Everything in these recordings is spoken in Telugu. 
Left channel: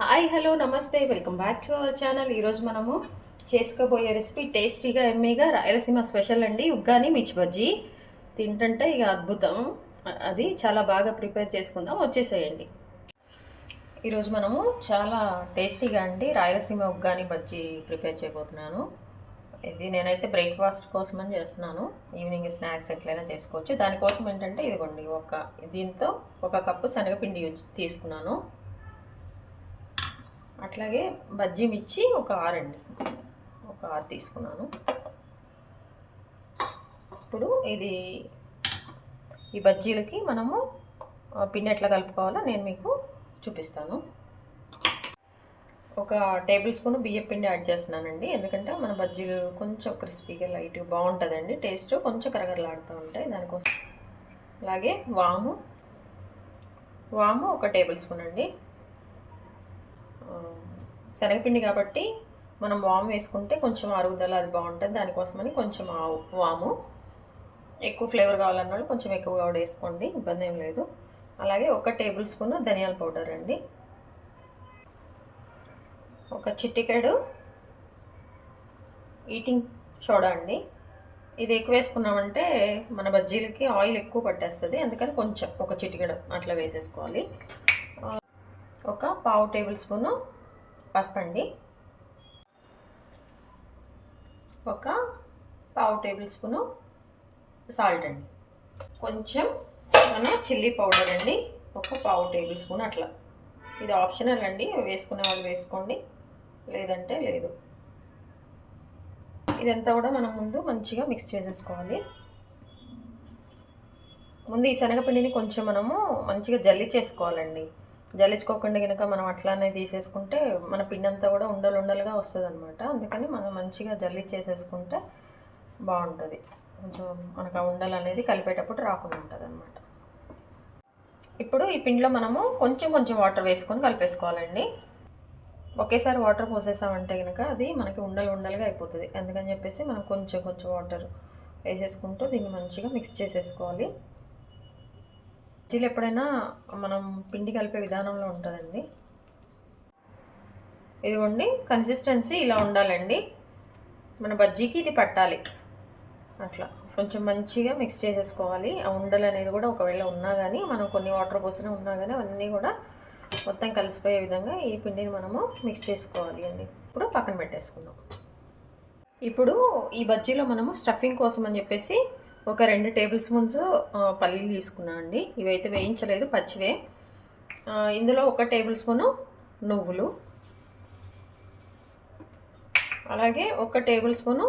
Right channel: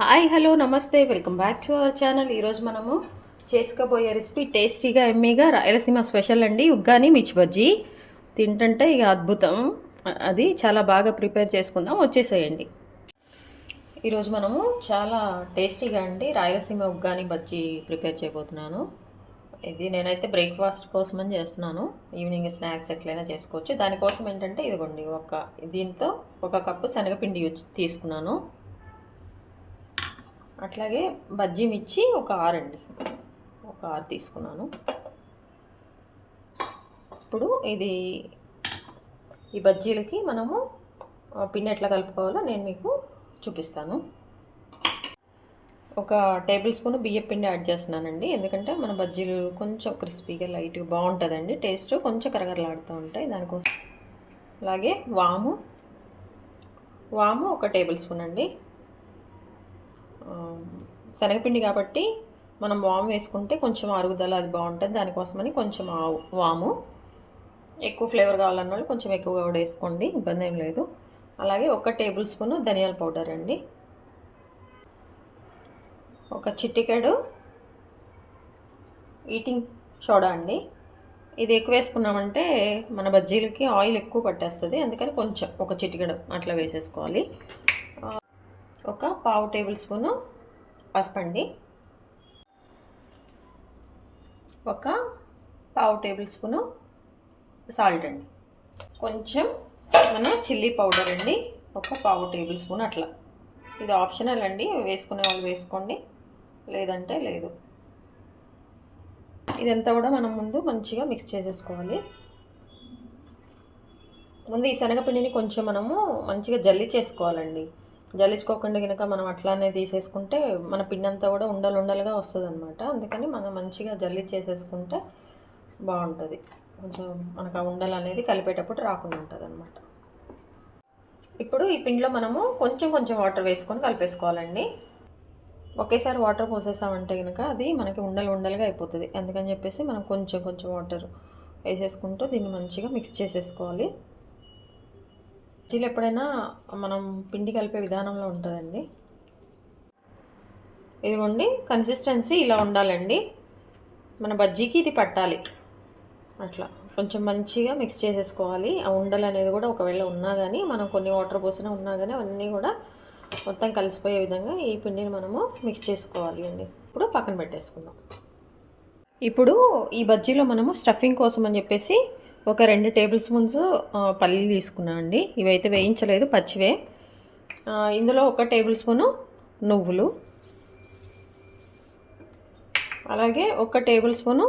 హాయ్ హలో నమస్తే welcome back to our channel. ఈరోజు మనము చేసుకోబోయే రెసిపీ టేస్టీగా ఎమ్మీగా రాయలసీమ స్పెషల్ అండి, ఉగ్గాని మిర్చి బజ్జీ. తింటుంటే ఇక అద్భుతం. అది చాలా బాగా ప్రిపేర్ చేసుకుందాం, వచ్చేసేయండి. ఈరోజు మనము చాలా టేస్టీగా అండి రాయలసీమ ఉగ్గాని బజ్జీ ప్రిపేర్ చేయబోతున్నాను. ఇది నేనైతే బ్రేక్ఫాస్ట్ కోసమని చేస్తున్నాను. ఈవినింగ్ స్నాక్స్ ఎట్లయినా చేసుకోవచ్చు. దానికోసం ఏంటంటే ఇదిగోండి, దీంతో 1 కప్పు శనగపిండి తీసుకున్నాను. అట్లాగే బజ్జీ మిర్చి ఒక 6 అండి, ఒక 6 తీసుకున్నాను. ఇప్పుడు ఈ బజ్జీలకి మనము పిండి ఎట్లా కలుపుకోవాలో నేను మీకు చూపిస్తాను. 1 టేబుల్ స్పూన్ బియ్యం పిండి యాడ్ చేస్తున్నానండి, ఎందుకంటే మన బజ్జీలు కొంచెం క్రిస్పీగా లైట్గా బాగుంటుందండి, టేస్ట్ కొంచెం కరగరలాడుతూ ఉంటాయి దానికోసం. అలాగే వాము 1 టేబుల్ స్పూన్ అండి. శనగపిండి కాబట్టి మనం వాము వేసుకుంటే కొంచెం అరుగుదల అది బాగుంటుంది, దానికోసమని కొంచెం వాము. ఎక్కువ ఫ్లేవర్ కావాలన్న వాళ్ళు కొంచెం ఎక్కువ కూడా వేసుకోండి, ఇబ్బంది ఏం లేదు. అలాగే 1 టేబుల్ స్పూన్ ధనియాల పౌడర్ అండి, 1 చిటికెడు ఈటింగ్ సోడా అండి. ఇది ఎక్కువ వేసుకున్నామంటే మన బజ్జీలకి ఆయిల్ ఎక్కువ పట్టేస్తుంది, అందుకని కొంచెం 1 చిటికెడు అట్లా వేసేసుకోవాలి. 1 టేబుల్ స్పూను పసుపు అండి, 1 టేబుల్ స్పూను సాల్ట్ అండి, కొంచెం మన చిల్లీ పౌడర్ అండి, 1 టేబుల్ స్పూన్ అట్లా. ఇది ఆప్షనల్ అండి, వేసుకునే వాళ్ళు వేసుకోండి, లేదంటే లేదు. ఇదంతా కూడా మనం ముందు మంచిగా మిక్స్ చేసేసుకోవాలి. ముందు ఈ శనగపిండిని కొంచెం మనము మంచిగా జల్లించేసుకోవాలండి. జల్లించుకోకుండా కనుక మనం అట్లానే తీసేసుకుంటే మన పిండి అంతా కూడా ఉండలుగా వస్తుంది అనమాట. అందుకని మనం మంచిగా జల్లించేసేసుకుంటే బాగుంటుంది, కొంచెం మనకు ఆ ఉండలు అనేది కలిపేటప్పుడు రాకుండా ఉంటుంది అనమాట. ఇప్పుడు ఈ పిండిలో మనము కొంచెం కొంచెం వాటర్ వేసుకొని కలిపేసుకోవాలండి. ఒకేసారి వాటర్ పోసేసామంటే కనుక అది మనకి ఉండలుగా అయిపోతుంది, అందుకని చెప్పేసి మనం కొంచెం కొంచెం వాటర్ వేసేసుకుంటూ దీన్ని మంచిగా మిక్స్ చేసేసుకోవాలి. బజ్జీలు ఎప్పుడైనా మనం పిండి కలిపే విధానంలో ఉంటుందండి. ఇదిగోండి, కన్సిస్టెన్సీ ఇలా ఉండాలండి, మన బజ్జీకి ఇది పట్టాలి. అట్లా కొంచెం మంచిగా మిక్స్ చేసేసుకోవాలి. ఆ ఉండలు అనేది కూడా ఒకవేళ ఉన్నా కానీ మనం కొన్ని వాటర్ పోసినా ఉన్నా కానీ అవన్నీ కూడా మొత్తం కలిసిపోయే విధంగా ఈ పిండిని మనము మిక్స్ చేసుకోవాలి అండి. ఇప్పుడు పక్కన పెట్టేసుకుందాం. ఇప్పుడు ఈ బజ్జీలో మనము స్టఫింగ్ కోసం అని చెప్పేసి 2 టేబుల్ స్పూన్స్ పల్లీలు తీసుకున్నాం అండి. ఇవైతే వేయించలేదు, పచ్చివే. ఇందులో 1 టేబుల్ స్పూను నువ్వులు, అలాగే 1 టేబుల్ స్పూను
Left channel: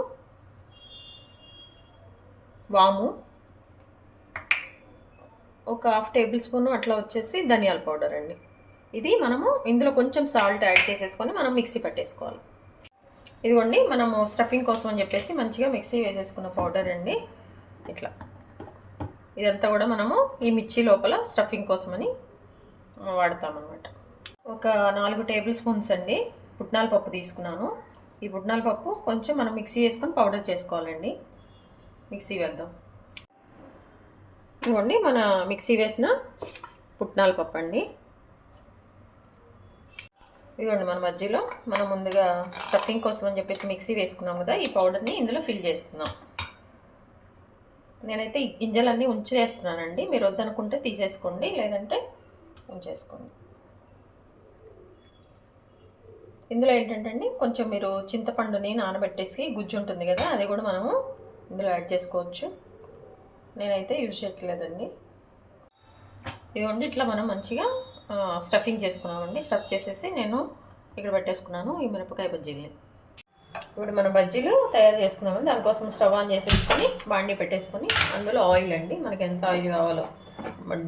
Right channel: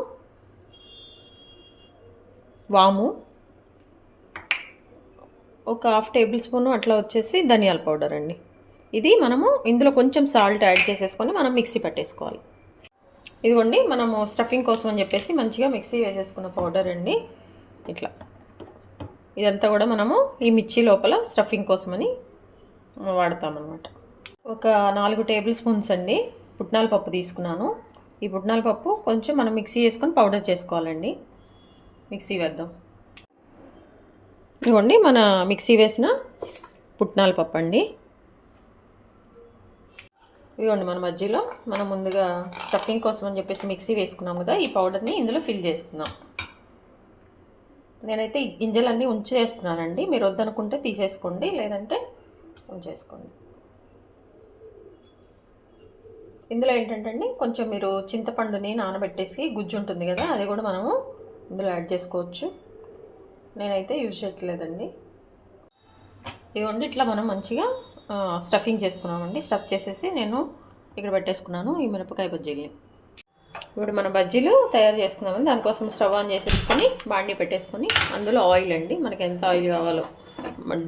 వాము, 1/2 టేబుల్ స్పూను అట్లా వచ్చేసి ధనియాల పౌడర్ అండి. ఇది మనము ఇందులో కొంచెం సాల్ట్ యాడ్ చేసేసుకొని మనం మిక్సీ పెట్టేసుకోవాలి. ఇదిగోండి, మనము స్టఫింగ్ కోసం అని చెప్పేసి మంచిగా మిక్సీ వేసేసుకున్న పౌడర్ అండి. ఇట్లా ఇదంతా కూడా మనము ఈ మిర్చి లోపల స్టఫింగ్ కోసమని వాడతామన్నమాట. 4 టేబుల్ స్పూన్స్ అండి పుట్నాల పప్పు తీసుకున్నాను. ఈ పుట్నాల పప్పు కొంచెం మనం మిక్సీ వేసుకొని పౌడర్ చేసుకోవాలండి. మిక్సీ వేద్దాం. ఇదిగోండి, మన మిక్సీ వేసిన పుట్నాల పప్పు అండి. ఇదిగోండి, మన మధ్యలో మనం ముందుగా స్టఫింగ్ కోసం అని చెప్పేసి మిక్సీ వేసుకున్నాం కదా, ఈ పౌడర్ని ఇందులో ఫిల్ చేసుకుందాం. నేనైతే ఈ గింజలన్నీ ఉంచేస్తున్నానండి, మీరు వద్దనుకుంటే తీసేసుకోండి, లేదంటే ఉంచేసుకోండి. ఇందులో ఏంటంటే అండి, కొంచెం మీరు చింతపండుని నానబెట్టేసి గుజ్జు ఉంటుంది కదా, అది కూడా మనము ఇందులో యాడ్ చేసుకోవచ్చు. నేనైతే యూజ్ చేయట్లేదండి. ఇదిగోండి, ఇట్లా మనం మంచిగా స్టఫింగ్ చేసుకున్నామండి. స్టఫ్ చేసేసి నేను ఇక్కడ పెట్టేసుకున్నాను ఈ మిరపకాయ బజ్జీల్ని. ఇప్పుడు మన బజ్జీలు తయారు చేసుకుందామని దానికోసం స్టవ్ ఆన్ చేసేసుకొని బాండీ పెట్టేసుకొని అందులో ఆయిల్ అండి, మనకి ఎంత ఆయిల్ కావాలో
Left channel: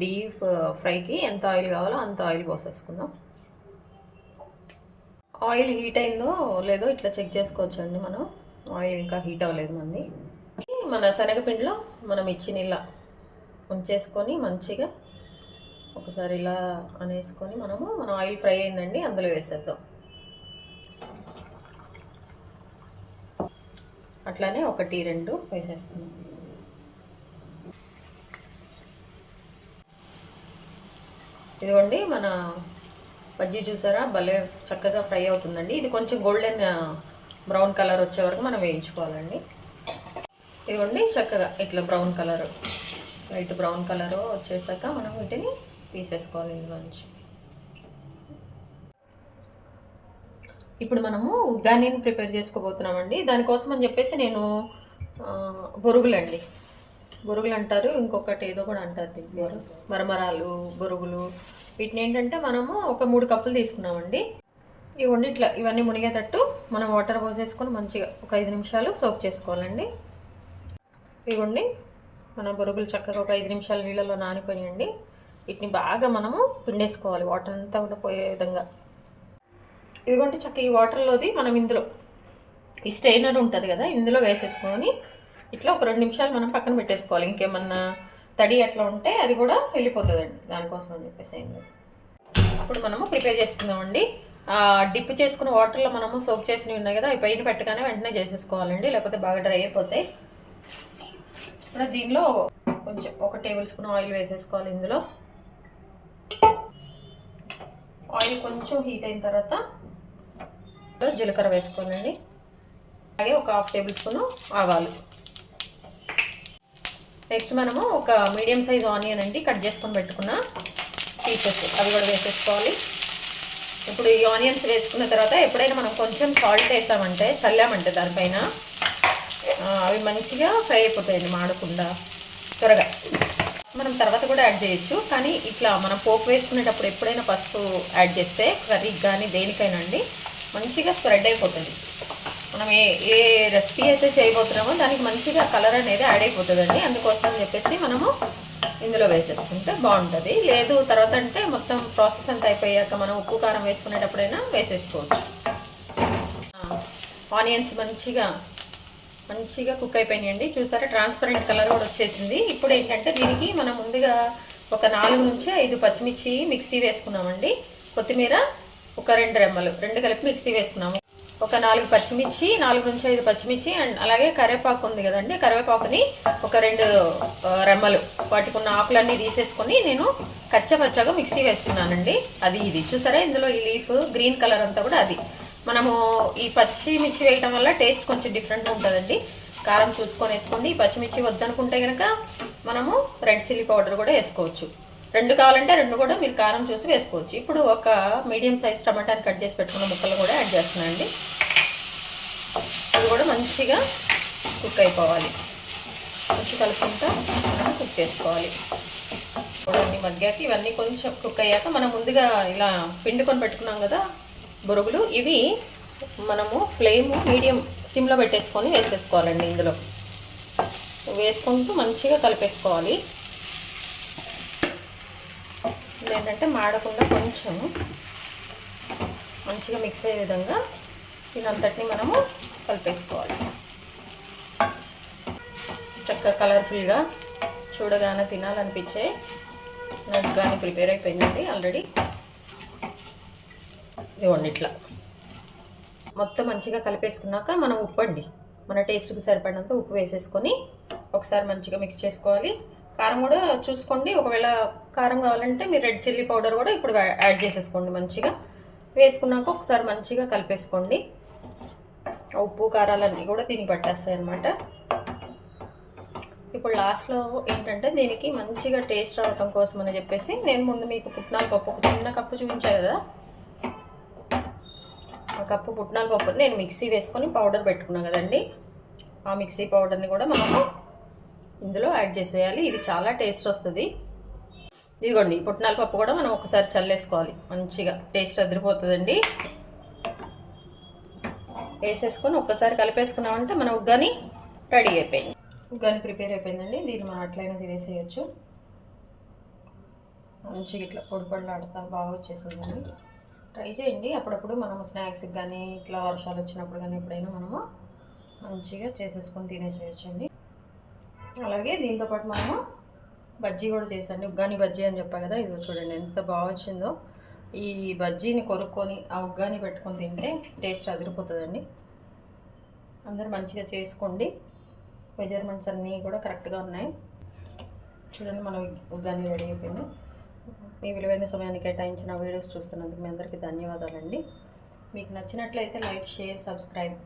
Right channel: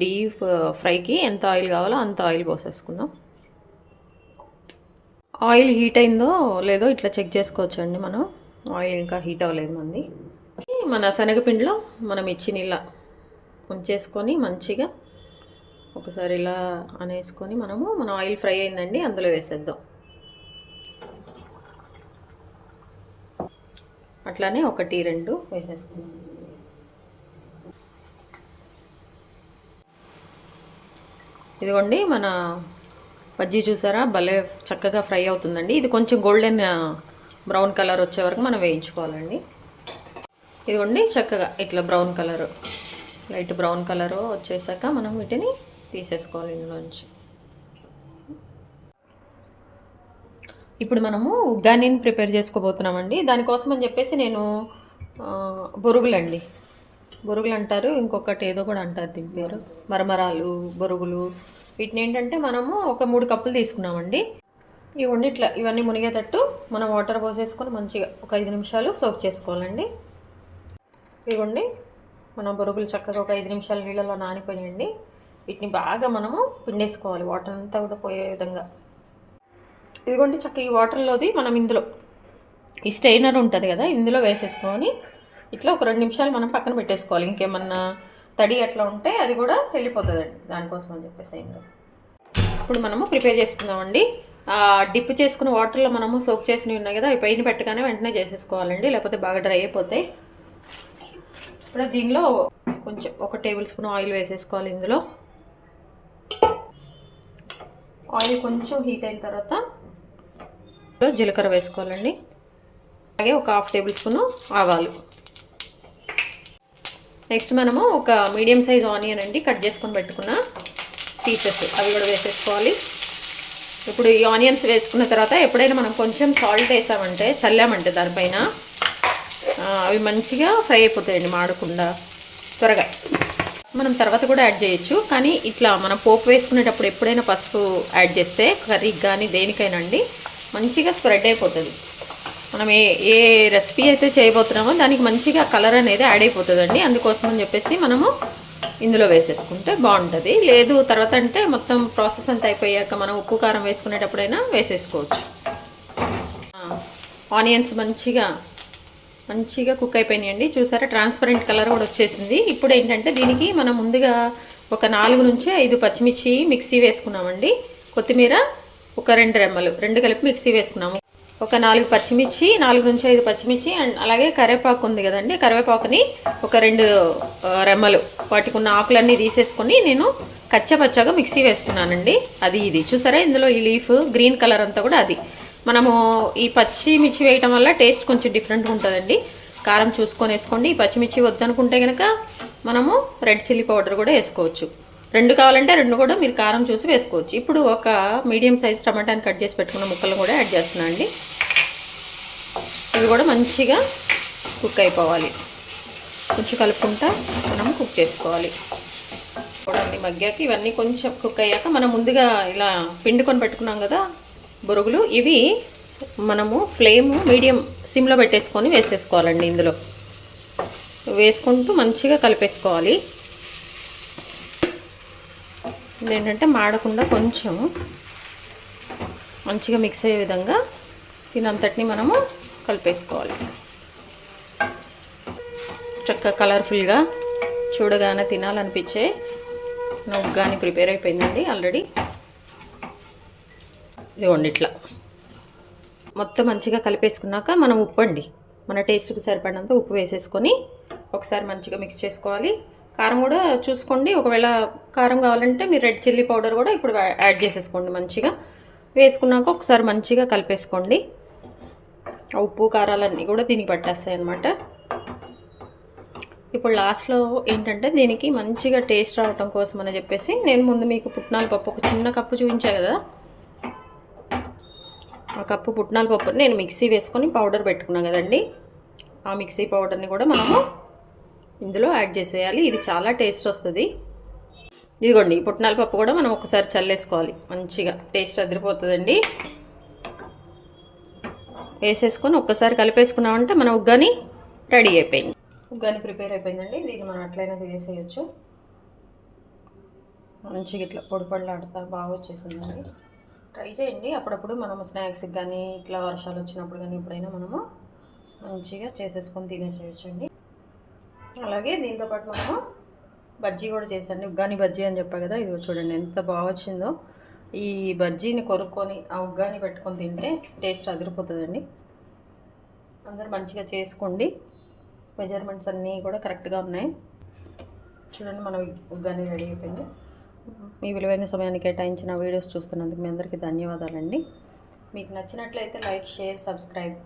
డీప్ ఫ్రైకి ఎంత ఆయిల్ కావాలో అంత ఆయిల్ పోసేసుకుందాం. ఆయిల్ హీట్ అయిందో లేదో ఇట్లా చెక్ చేసుకోవచ్చు అండి మనం. ఆయిల్ ఇంకా హీట్ అవ్వలేదు మంది. మన శనగపిండిలో మనం ఇచ్చిన ఇలా ఉంచేసుకొని మంచిగా ఒకసారి ఇలా అనేసుకొని మన ఆయిల్ ఫ్రై అయిందండి, అందులో వేసేద్దాం. అట్లానే 1, 2 వేసేసుకుందాం. ఇదిగోండి, మన బజ్జీ చూసారా భలే చక్కగా ఫ్రై అవుతుందండి. ఇది కొంచెం గోల్డెన్ బ్రౌన్ కలర్ వచ్చే వరకు మనం వేయించుకోవాలండి. ఇదిగోండి చక్కగా ఇట్లా brown colour, light brown colour వచ్చేసాక మనం వీటిని తీసేసుకోవాలి ఇందులోంచి. ఇప్పుడు మనము ఉగ్గానీని ప్రిపేర్ చేసుకోబోతున్నామండి. దానికోసం అని చెప్పేసి నేను బొరుగులండి, బొరుగులు అంటారు, ఇంకొకటి ఏదో కూడా అంటారు దీని పేరు, మరమరాలు, బొరుగులు. వీటిని ఏంటంటే మనము ఒక 3 కప్పులు తీసుకున్నామండి. ఇవన్నీ ఇట్లా ఇవన్నీ మునిగేటట్టు మనం వాటర్ పోసేసుకొని మంచిగా ఒక 5 నిమిషాలు సోక్ చేసుకోవాలండి. ఇవ్వండి మన బొరుగులు చక్కగా ఒక 5 నిమిషాలు నీళ్ళలో నానిపోయండి. వీటిని బాగా మనము పిండేసుకోవాలి వాటర్ అంతా కూడా పోయే విధంగా. ఇదిగోండి చక్కగా ఈ వాటర్లోది మనం ఇందులో ఈ స్ట్రైనర్ ఉంటుంది కదా, ఇందులో వేసేసుకొని ఇట్లా ఒక 2 నిమిషాలు మనం పక్కన పెట్టేసుకోవాలి. ఇంకేమన్నా తడి అట్లా ఉంటే అది కూడా వెళ్ళిపోతుందండి, దానికోసం అని చెప్పేసి. ఇప్పుడు మనము ప్రిపేర్ చేసుకున్నామండి. డిప్ చేసుకున్న వాటర్లో మనము సోక్ చేసినవి ఉన్నాయి కదా, అవి పైన పెట్టగానే వెంటనే చేసేసుకోవాలండి, లేకపోతే బాగా డ్రై అయిపోతాయి. ఇప్పుడు దీనిలో కొంచెం 1 టేబుల్ స్పూన్ ఆయిల్ వేసేసుకోవాలి. ఇందులో ఆయిల్ కొంచెం హీట్ అయిన తర్వాత జీలకర్ర వేసుకోవాలండి. అలాగే ఒక 1/2 టేబుల్ స్పూన్ ఆవాలు. నెక్స్ట్ మనము ఒక మీడియం సైజ్ ఆనియన్ అండి కట్ చేసుకొని పెట్టుకున్న పీసెస్, అవి కూడా వేసేసుకోవాలి. ఇప్పుడు ఈ ఆనియన్స్ వేసుకున్న తర్వాత ఎప్పుడైనా మనం కొంచెం సాల్ట్ వేసామంటే, చల్లామంటే దానిపైన అవి మంచిగా ఫ్రై అయిపోతాయండి, మాడకుండా త్వరగా. మనం తర్వాత కూడా యాడ్ చేయొచ్చు, కానీ ఇట్లా మనం పోపు వేసుకునేటప్పుడు ఎప్పుడైనా పసుపు యాడ్ చేస్తే కర్రీకి కానీ దేనికైనా అండి మంచిగా స్ప్రెడ్ అయిపోతుంది. మనం ఏ రెసిపీ అయితే చేయబోతున్నామో దానికి మంచిగా కలర్ అనేది యాడ్ అయిపోతుందండి. అందుకోసం అని చెప్పేసి మనము ఇందులో వేసేసుకుంటే బాగుంటుంది. లేదు తర్వాత అంటే మొత్తం ప్రాసెస్ అంతా అయిపోయాక మనం ఉప్పు కారం వేసుకునేటప్పుడైనా వేసేసుకోవచ్చు. ఆనియన్స్ మంచిగా కుక్ అయిపోయినాయండి. చూసారా చూసారా కలర్ కూడా వచ్చేసింది. ఇప్పుడు ఏంటంటే దీనికి మనం ముందుగా ఒక 4 నుంచి 5 పచ్చిమిర్చి మిక్సీ వేసుకున్నామండి. కొత్తిమీర ఒక 2 రెమ్మలు, 2 కలిపి మిక్సీ వేసుకున్నాము. ఒక 4 పచ్చిమిర్చి, 4 నుంచి 5 పచ్చిమిర్చి, అండ్ అలాగే కరివేపాకు ఉంది కదండి, కరివేపాకుని ఒక 2 రెమ్మలు, వాటికి ఉన్న ఆకులన్నీ తీసేసుకొని నేను కచ్చపచ్చగా మిక్సీ వేసుకున్నానండి. అది ఇది చూసారా, ఇందులో ఈ లీఫ్ గ్రీన్ కలర్ అంతా కూడా అది. మనము ఈ పచ్చిమిర్చి వేయటం వల్ల టేస్ట్ కొంచెం డిఫరెంట్గా ఉంటుందండి. కారం చూసుకొని వేసుకోండి. ఈ పచ్చిమిర్చి వద్దనుకుంటే కనుక మనము రెడ్ చిల్లీ పౌడర్ కూడా వేసుకోవచ్చు. 2 కావాలంటే 2 కూడా మీరు కారం చూసి వేసుకోవచ్చు. ఇప్పుడు ఒక మీడియం సైజ్ టమాటాని కట్ చేసి పెట్టుకున్న ముక్కలు కూడా యాడ్ చేస్తున్నాను అండి. ఇవి కూడా మంచిగా కుక్ అయిపోవాలి, కొంచెం కలుపుకుంటా మనం కుక్ చేసుకోవాలి. చూడండి మగ్గాక ఇవన్నీ కొంచెం కుక్ అయ్యాక మనం ముందుగా ఇలా పిండుకొని పెట్టుకున్నాం కదా బొరుగులు, ఇవి మనము ఫ్లేమ్ మీడియం సిమ్లో పెట్టేసుకొని వేసేసుకోవాలండి. ఇందులో వేసుకుంటూ మంచిగా కలిపేసుకోవాలి. ఏంటంటే మాడకుండా కొంచెం మంచిగా మిక్స్ అయ్యే విధంగా దీనంతటిని మనము కలిపేసుకోవాలి. చక్కగా కలర్ఫుల్గా చూడగానే తినాలనిపించే ఉగ్గాని ప్రిపేర్ అయిపోయిందండి ఆల్రెడీ. ఇదిగోండి ఇట్లా మొత్తం మంచిగా కలిపేసుకున్నాక మనం ఉప్పు అండి, మన టేస్ట్కి సరిపడినంత ఉప్పు వేసేసుకొని ఒకసారి మంచిగా మిక్స్ చేసుకోవాలి. కారం కూడా చూసుకోండి, ఒకవేళ కారం కావాలంటే మీరు రెడ్ చిల్లీ పౌడర్ కూడా ఇప్పుడు యాడ్ చేసేసుకోండి. మంచిగా వేసుకున్నాక ఒకసారి మంచిగా కలిపేసుకోండి. ఉప్పు కారాలన్నీ కూడా దీనికి పట్టేస్తాయి అన్నమాట. ఇప్పుడు లాస్ట్లో ఏంటంటే దీనికి మంచిగా టేస్ట్ రావటం కోసం అని చెప్పేసి నేను ముందు మీకు పుట్నాల పప్పు ఒక చిన్న కప్పు చూపించా కదా, ఆ కప్పు పుట్నాల పప్పుని నేను మిక్సీ వేసుకొని పౌడర్ పెట్టుకున్నాను కదండి, ఆ మిక్సీ పౌడర్ని కూడా మనము ఇందులో యాడ్ చేసేయాలి. ఇది చాలా టేస్ట్ వస్తుంది. ఇదిగోండి ఈ పుట్నాల పప్పు కూడా మనం ఒకసారి చల్లేసుకోవాలి, మంచిగా టేస్ట్ అదిరిపోతుందండి. వేసేసుకొని ఒక్కసారి కలిపేసుకున్నామంటే మన ఉగ్గాని రెడీ అయిపోయింది. ఉగ్గాని ప్రిపేర్ అయిపోయిందండి. దీన్ని మనం అట్లయినా తినేసేయచ్చు. మంచిగా ఇట్లా పొడి పొడిలాడుతా బాగా వచ్చేసిందండి. ట్రై చేయండి. అప్పుడప్పుడు మనము స్నాక్స్కి కానీ ఇట్లా వర్షాలు వచ్చినప్పుడు కానీ ఎప్పుడైనా మనము మంచిగా చేసేసుకొని తినేసేయచ్చండి. అలాగే దీంతోపాటు మనము బజ్జీ కూడా చేసండి, ఉగ్గాని బజ్జీ అని చెప్పా కదా, ఇది చూడండి ఎంత బాగా వచ్చిందో. ఈ బజ్జీని కొరుక్కొని ఆ ఉగ్గాని పెట్టుకొని తింటే టేస్ట్ అదిరిపోతుందండి. అందరూ మంచిగా చేసుకోండి. మెజర్మెంట్స్ అన్నీ కూడా కరెక్ట్గా ఉన్నాయి. చూడండి మనం ఉగ్గాని రెడీ అయిపోయింది. మీ విలువైన సమయాన్ని కేటాయించిన వీడియోస్ చూస్తున్నందుకు మీ అందరికీ ధన్యవాదాలండి. మీకు నచ్చినట్లయితే లైక్, షేర్, సబ్స్క్రైబ్.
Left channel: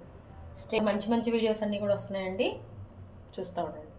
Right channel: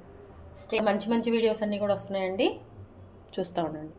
మంచి మంచి వీడియోస్ అన్నీ కూడా వస్తున్నాయండి, చూస్తూ ఉండండి.